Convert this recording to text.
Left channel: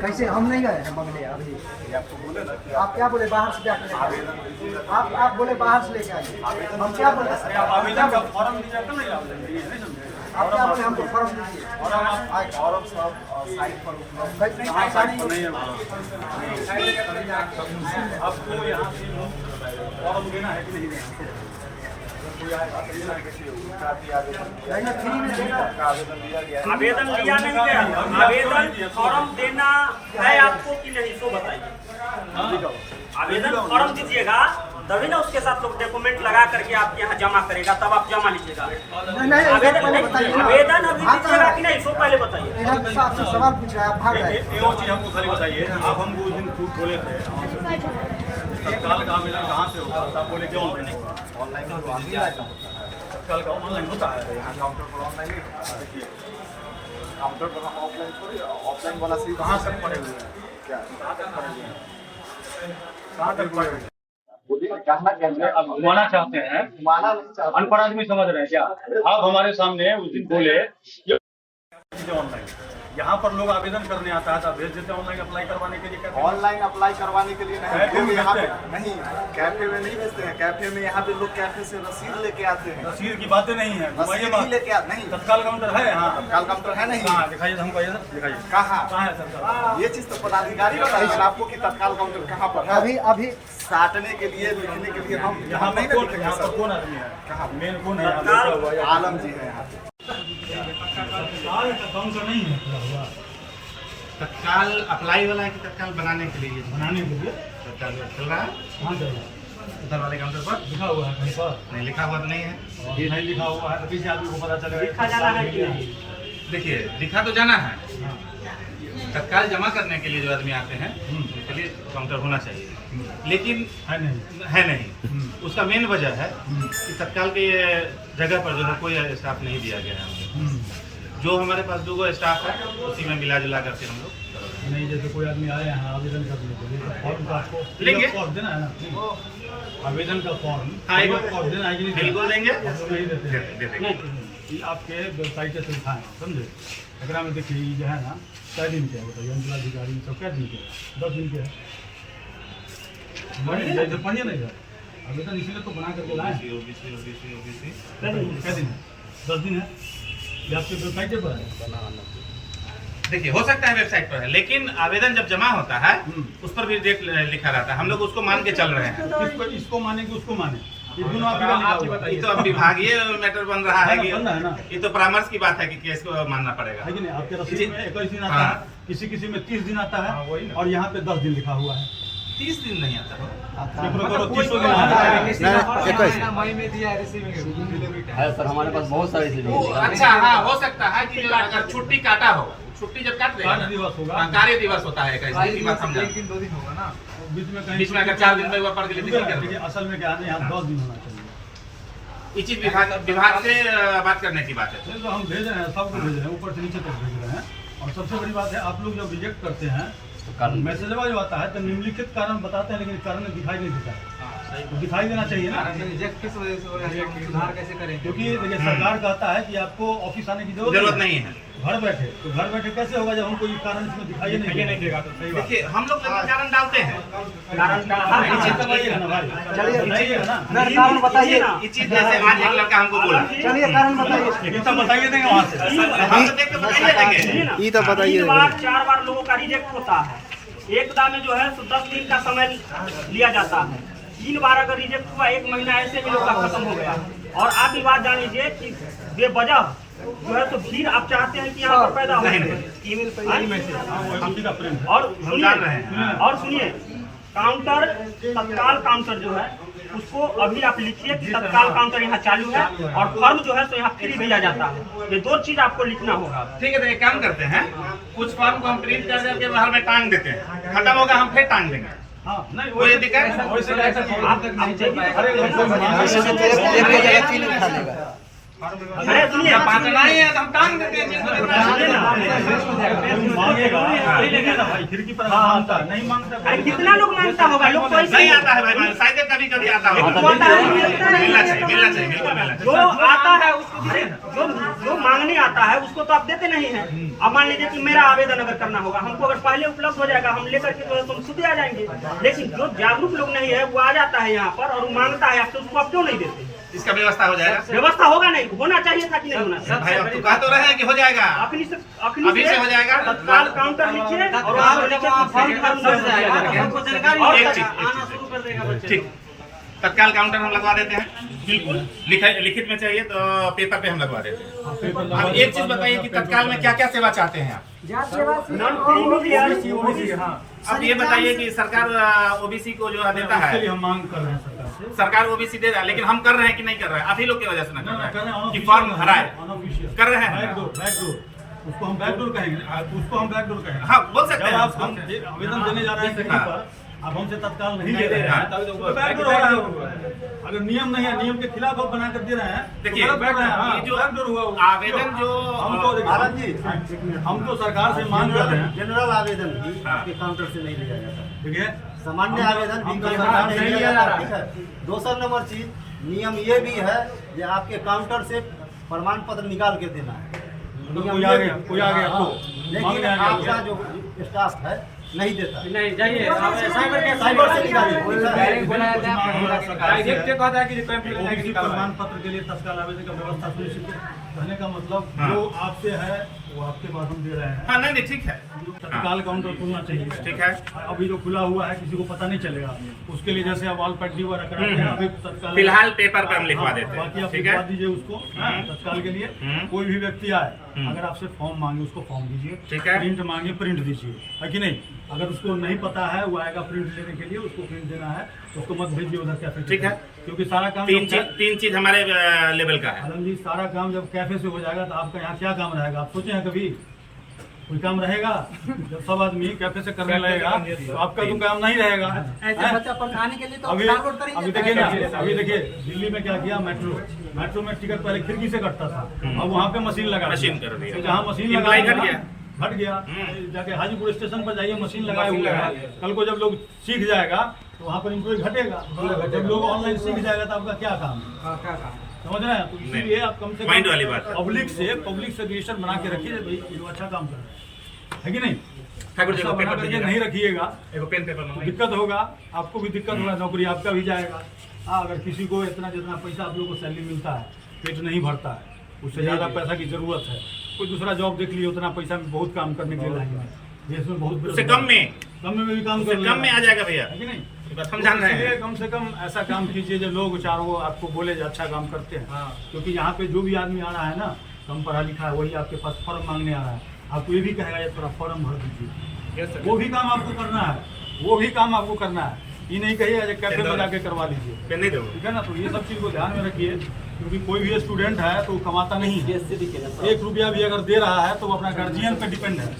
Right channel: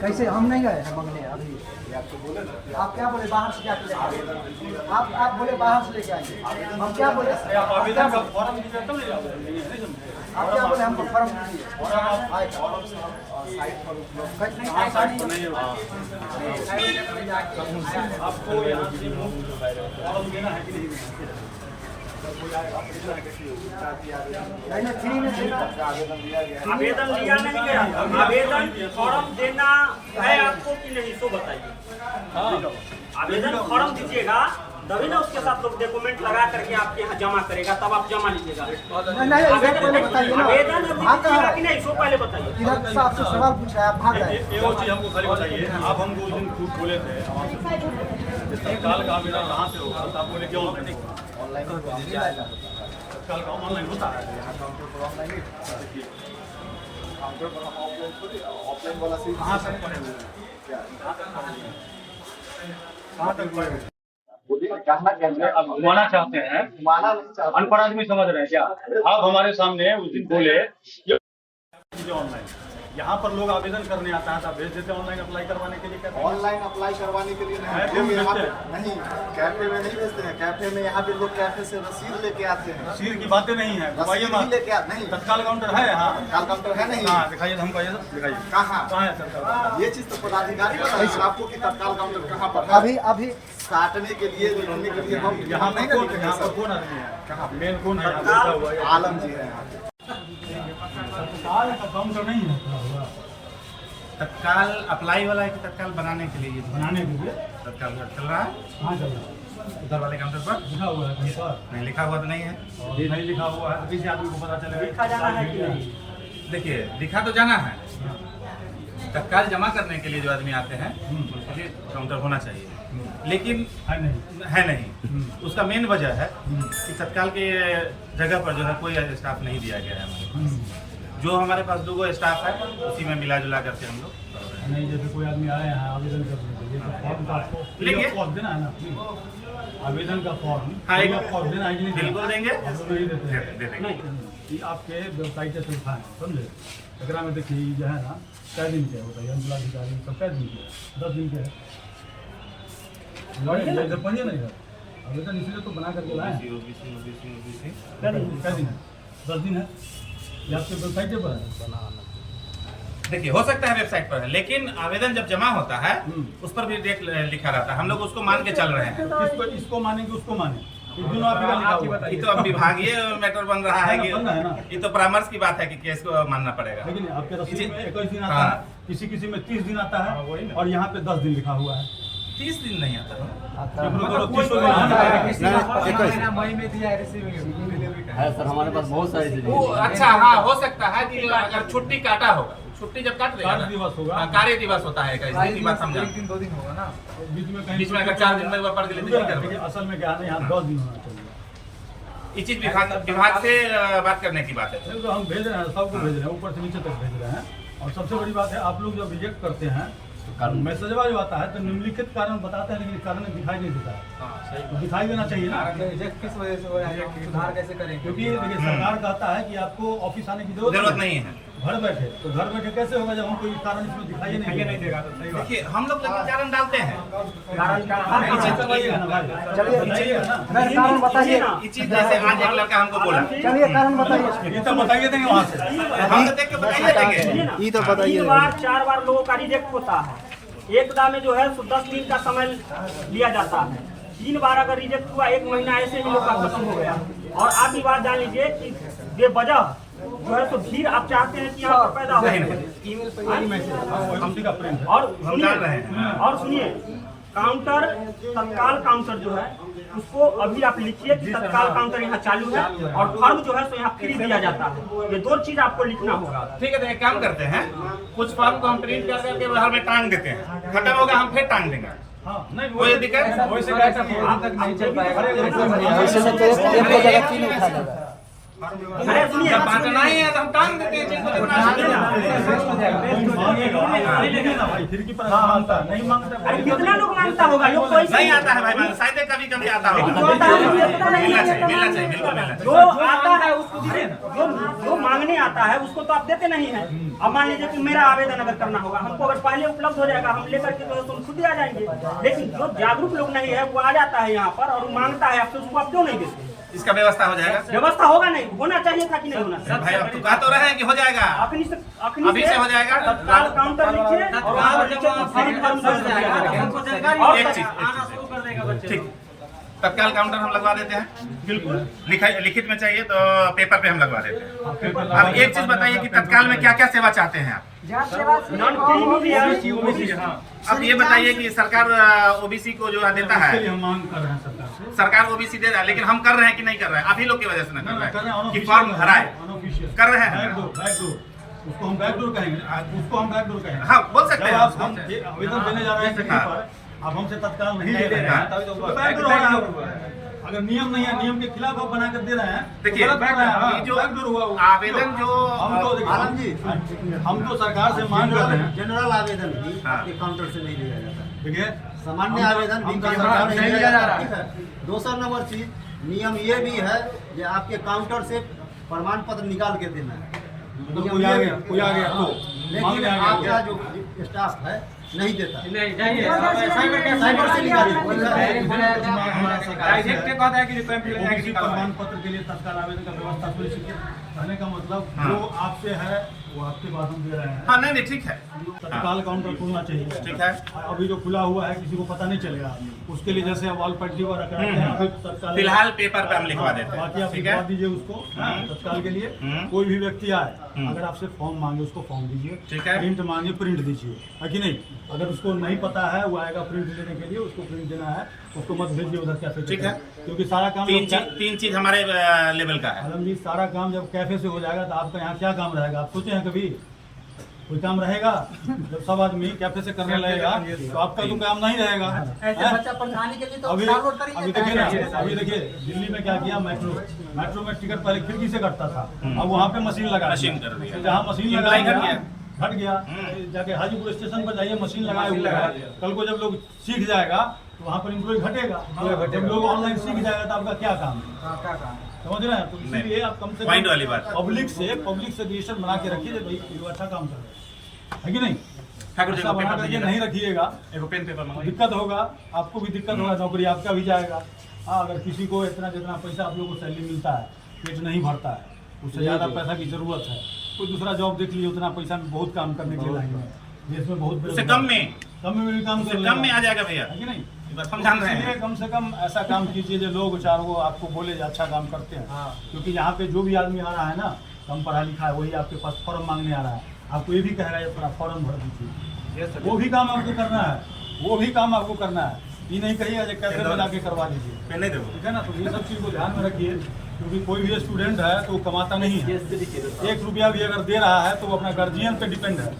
कैसे हम नहीं गए हैं मंगने अभी? आपको बोले ना कि आप क्या बोले बाहर से जाकर लेके आइए? आप बोले बाहर से लेके आइए, हम क्या बोले? आवेदन का फॉर्म दीजिए तो नहीं आवेदन नहीं है, नहीं समझे? आप क्या बोले हमको फॉर्म दीजिए? फॉर्म सब साइट पर उपलब्ध नहीं आपको यहाँ से फॉर्म देना है कि नहीं देना? अगर कोई आएगा तो देना है कैसे उसका भी आवेदन लिया गया है। आवेदन लिया नहीं गया, आवेदन फॉर्म देना है आपको कि नहीं सो बताइए। आवेदन फॉर्म दीजिएगा तभी ना उसके साथ लोग डॉक्यूमेंट लगा करके आपके यहाँ जमा करेगा, तब आप जमा लीजिएगा। आवेदन अभी दीजिएगा कि नहीं सो पहले बताइए। सवाल पूछा आप भाग गए। ये वो चीज़ हमको खाली बताइए, आप हमको उस दिन फूड बोले थे तत्काल का आवेदन कहाँ से होगा, तो आप बोले कि ऑनलाइन होगा। ऑनलाइन तो तत्काल का ऑनलाइन होता है, यहाँ काउंटर पर ऑनलाइन ही होता है। देखिए काउंटर पर हम ऑफलाइन थोड़ी, ऑफलाइन वाला से कहाँ तक पड़े हुए हैं, क्या कहाँ तक पड़े हुए हैं, कहाँ तक पड़े हुए हैं? घुमाना चाहते हैं, अनपढ़ आदमी समझ रहे हैं क्या? आप हमारे सामने उस दिन बोले ऑनलाइन, यहाँ पर लोग आवेदन करने आता है तो भेज देते हैं ऑनलाइन अप्लाई करवाने के लिए। ऑनलाइन अप्लाई करवाने के लिए नहीं, यहाँ पे नहीं, कैफे में नहीं भेजते हैं। कैफे में यहाँ पे लोग कैफे से रसीद लेके आते हैं। रसीद की बातें नहीं है, रसीद ही लेके आते नहीं। तत्काल काउंटर है यहाँ, तत्काल काउंटर है नहीं। हाँ दिखाइए हमको, ये दिखाइए कहाँ है तत्काल? ये चीज तो पदाधिकारी बताएंगे आपको कि तत्काल काउंटर कहाँ पर है। अभी साटने के लिए, लिखने के लिए हम यहाँ पर कौन आदमी है, कहाँ मेन कौन है? आलम जी है यहाँ पे। तत्काल का काउंटर नहीं है खुला हुआ, तत्काल अप्लाई वाला है कि तत्काल बनाने के लिए? बनाने के लिए तत्काल चल रहा है कहाँ चल रहा है? उधर वाले काउंटर पर लिखा हुआ है कहीं पर? नहीं लिखा हुआ तो नहीं है। और नहीं लिखा हुआ है तो किसी आदमी को पता चलेगा लिखा जाना है कि नहीं? देखिए लिखा तो जाना है, हाँ। तत्काल जमा करने के लिए जो आदमी आते हैं उनके लिए काउंटर होना चाहिए, लेकिन है नहीं। उसका मेन वजह है कि तत्काल के जगह पर जो है कोई स्टाफ नहीं दिया गया है हमारे पास। जो हमारे पास 2 स्टाफ है उसी में मिला जुला करके हम लोग नहीं। जैसे कोई आदमी आए हैं आवेदन करने के लिए तो फॉर्म का आपको लेंगे, फॉर्म देना है ना, आवेदन का फॉर्म। हाँ फॉर्म देना है कि नहीं? बिल्कुल देंगे, हम लोग नहीं देते हैं। दे देंगे। ये आपके वेबसाइट से लिखाएं, समझे? एकरा में देखिए जो है ना कै दिन के होता है, अंचलाधिकारी सब कै दिन के, 10 दिन के है। पढ़िए नहीं सर, आवेदन इसीलिए तो बना करके लाए। कै दिन है? 10 दिन है। ये आपके वेबसाइट पर है। देखिए हो सकता है वेबसाइट पर है, लेकिन आवेदन जब जमा होता है उस पर भी डेट लिखा रहता है। हम लोग उसको मान के चल रहे हैं। इसको माने कि उसको माने, ये दोनों आप ही बताइए। ये तो अब विभागीय मैटर बन रहा है कि बनना है ना। ये तो परामर्श की बात है कि केस को मानना पड़ेगा। लेकिन आपके रसीद में 21 दिन आता है, किसी में 30 दिन आता है, और यहाँ पे 10 दिन लिखा हुआ है। 30 दिन नहीं आता है, 30 दिन आता है। मई में दिया रिसीविंग है सर, हमारे पास बहुत सारी चीजें। अच्छा हाँ हो सकता है कि अगर छुट्टी काटा होगा, छुट्टी जब काट देगा कार्य दिवस होगा, कार्य दिवस होता है, इस दिन की बात समझा। 1-2 दिन होगा ना, बीच में अगर 4 दिन में पड़ गई तो क्या करोगे? असल में क्या है यहाँ 10 दिन होना चाहिए। ये चीज विभाग से बात करने की बात है। तो हम भेज रहे हैं, सबको भेज रहे हैं, ऊपर से नीचे तक भेज रहे हैं। और सबसे बड़ी बात है, आप लोग जब रिजेक्ट करते हैं तो मैसेज जो आता है तो निम्नलिखित कारण बताते हैं, लेकिन कारण दिखाई नहीं देता है। तो दिखाई देना चाहिए ना। रिजेक्ट किस वजह से हो रहा है, सुधार कैसे करें? क्योंकि देखिए सरकार कहता है कि आपको ऑफिस आने की जरूरत नहीं है, घर बैठे। तो घर बैठे कैसे होगा जब हम कोई कारण इसमें दिखाई नहीं देगा? तो सही बात। देखिए हम लोग कारण डालते हैं, कारण बताइएगा ना भाई, चलिए ना कारण बताइए। ये चीज जैसे आज एक लड़का हमको बोला, चलिए कारण बताइए। ये तो बताइए देंगे वहाँ से, हम तो देख के बताइए देंगे। ये तो बताइए। 4 बार लोगों का रिजेक्ट होता है, एक दाम में जो है 10 दिन का समय लिया जाता है। 3 बार अगर रिजेक्ट हुआ, 1 महीना ऐसे ही लोग का खत्म हो गया। और आप ये बात जान लीजिए कि बेवजह जो है तो भीड़ आप चाहते हैं कि यहाँ पर पैदा हो। ईमेल पे यही मैसेज उसी का प्रिंट है। और हम जान रहे हैं। सुनिए काउंटर, तत्काल काउंटर जो है उसको अभी आप लिखिए कि तत्काल काउंटर यहाँ चालू है, और फॉर्म जो है सो यहाँ फ्री दिया जाता है। ये 2 चीज आपको लिखना होगा। ठीक है, तो एक काम करते हैं, कुछ फॉर्म को हम प्रिंट कर करके बाहर में टांग देते हैं, खत्म होगा हम फिर टांग देंगे। हाँ नहीं वो ये दिक्कत वैसे कैसे आप तक नहीं चल पाएगा। अरे सुनिए, बांटना ही है तो हम टांग देते हैं जिनको खिड़की पर मांगता नहीं मांगता। अरे कितना लोग मांगता होगा, लोग कोई नहीं आता है भाई, शायद कभी कभी आता होगा। मिलना चाहिए, मिलना चाहिए, बिल्कुल मिलना जो चाहिए। आता है उसको जो मांगने आता है उसको तो आप देते नहीं है। अब मान लीजिए कि मेरा आवेदन अगर करना होगा, हमको अगर पहले उपलब्ध हो जाएगा, हम लेकर के तो तुम खुद ही आ जाएंगे। लेकिन जो जागरूक लोग नहीं है वो आ जाता है यहाँ पर और वो मांगता है आपसे, उसको आप क्यों नहीं देते? इसका व्यवस्था हो जाएगा। व्यवस्था होगा नहीं, होना चाहिए था कि नहीं होना चाहिए? भाई अब तो कह तो रहे हैं कि हो जाएगा, अभी अभी से हो जाएगा। तत्काल काउंटर लिखिए और वहाँ पर लिखिए कि फॉर्म भर एक चीज ठीक, तत्काल काउंटर हम लगवा देते हैं, बिल्कुल लिखित में चाहिए तो पेपर पे हम लगवा देते हैं। अब एक चीज बताइए कि तत्काल में क्या क्या सेवा चाहते हैं आप? अब ये बताइए कि सरकार ओबीसी को जो देता है, हम मांग कर रहे हैं सरकार से। सरकार ओबीसी दे रहा है, लेकिन हम कर रहे हैं कि नहीं कर रहे हैं? आप ही लोग की वजह से ना कर रहे हैं कि हैं फॉर्म भराए, कर रहे हैं। बैकडोर उसको हम बैकडोर कहेंगे, उसको हम बैकडोर कहेंगे। हाँ बोल सकते हैं। हम आवेदन देने जा रहे हैं खिड़की पर, अब हमसे तत्काल नहीं ले रहे हैं तो बैकडोर हो रहा है। अगर नियम नहीं है, नियम के खिलाफ आप बना कर दे रहे हैं, देखिए तो गलत कर रहे हैं। ये जो बैकडोर हुआ आवेदन जो आलम जी, हम तो सरकार से मांग कर रहे हैं। जनरल आवेदन भी हाँ। आपके काउंटर से नहीं लिया जाता है। ठीक है, सामान्य आवेदन भी सरकार नहीं लिया जाता है। ठीक है। दूसरा नंबर चीज, नियम ये भी है कि आपके काउंटर से प्रमाण पत्र निकाल के देना है। नियम कोई आ ये गया, भी- कोई आ गया हाँ। तो मांग लेकिन ले आ गया। आपका जो स्टाफ है नहीं देता है। साइबर साइबर से निकालिए। ओबीसी प्रमाण पत्र के लिए तत्काल आवेदन का व्यवस्था सुनिश्चित किया। कहने का मतलब हाँ। जो आपसे है वो आपके पास हम दे रहे हैं। हाँ नहीं ठीक है, तत्काल काउंटर खुलना चाहिए। ठीक है। अभी जो खुला हुआ है किसी को पता नहीं चलेगा, उसके लिए जैसे अब ऑल पैटी वगैरह कराते हैं, अभी तत्काल फिलहाल पेपर पे हम लिखवा देते बाकी हैं, आप ठीक लिखवा है। दीजिए उसको तत्काल के लिए। कोई भी व्यक्ति आए, अगर आपसे फॉर्म मांगे उसको फॉर्म दीजिए, ठीक है। प्रिंट मांगे प्रिंट दीजिए, है कि नहीं? अगर उसको नहीं पता है वो आएगा प्रिंट लेने के लिए, उसको प्रिंट देना है, उसको मत भेजिए उधर कैफे। ठीक है। क्योंकि सारा काम तीन चीज हमारे लेवल का है। आलम जी, सारा काम जब कैफे से हो जाएगा तो आपका यहाँ क्या काम रहेगा? आप सोचे हैं कभी कोई काम रहेगा? जब सब आदमी कैफे से करने लगेगा तो आपका तो काम नहीं रहेगा। अभी देखिए ना, अभी देखिए दिल्ली में क्या किया, मेट्रो में टिकट पहले खिड़की से कटता था, अब वहाँ पे मशीन लगा मशीन कर दिया। तो जहाँ मशीन लगा इम्प्लाई घट गया। घट गया। जाके हाजीपुर स्टेशन पर जाइए, मशीन लगाए हुए है। कल को जब लोग सीख जाएगा तो वहाँ पर इम्प्लॉय घटेगा। जब लोग ऑनलाइन सीख जाएगा तो आपका क्या काम है? समझ रहे हैं? तो इसीलिए आप कम से पॉइंट वाली बात है। पब्लिक से रजिस्टर बना के रखिए, भाई ये अच्छा काम कर रहे हैं, है कि नहीं? ठाकुर जी ऐसा को बना पेपर करके दीजिएगा। नहीं रखिएगा एगो पेन पेपर तो मंगाइए। दिक्कत होगा, आपको भी दिक्कत होगा, नौकरी आपका भी जाएगा। हाँ, अगर किसी को इतना जितना पैसा आप लोगों को सैलरी मिलता है, पेट नहीं भरता है, उससे ज़्यादा पैसा की जरूरत है, कोई दूसरा जॉब देख लिए, उतना पैसा में बहुत काम करने के लिए लाइन में देश में बहुत उससे कम में भी काम कर कम में आ जाएगा भैया, है कि नहीं? ये बात हम जान रहे इसलिए हैं। कम से कम ऐसा काम कीजिए जो लोग चार वो आपको बोले जो अच्छा काम करते हैं। क्योंकि यहाँ पे जो भी आदमी आ रहा है ना, कम पढ़ा लिखा है, वही आपके पास फॉर्म मांगने आ रहा है, आपको ये भी कहेगा ये थोड़ा फॉर्म भर दीजिए। वो भी काम आपको करना है, वो भी काम आपको करना है। ये नहीं कहिएगा जो कैफे में जाके करवा लीजिए, पेन नहीं दो। ठीक है ना? तो ये सब चीज़ को ध्यान में रखिए, क्योंकि कोई भी स्टूडेंट है तो वो कमाता नहीं है। 1 रुपया भी अगर दे रहा है तो वो अपना गार्जियन पे डिपेंड है।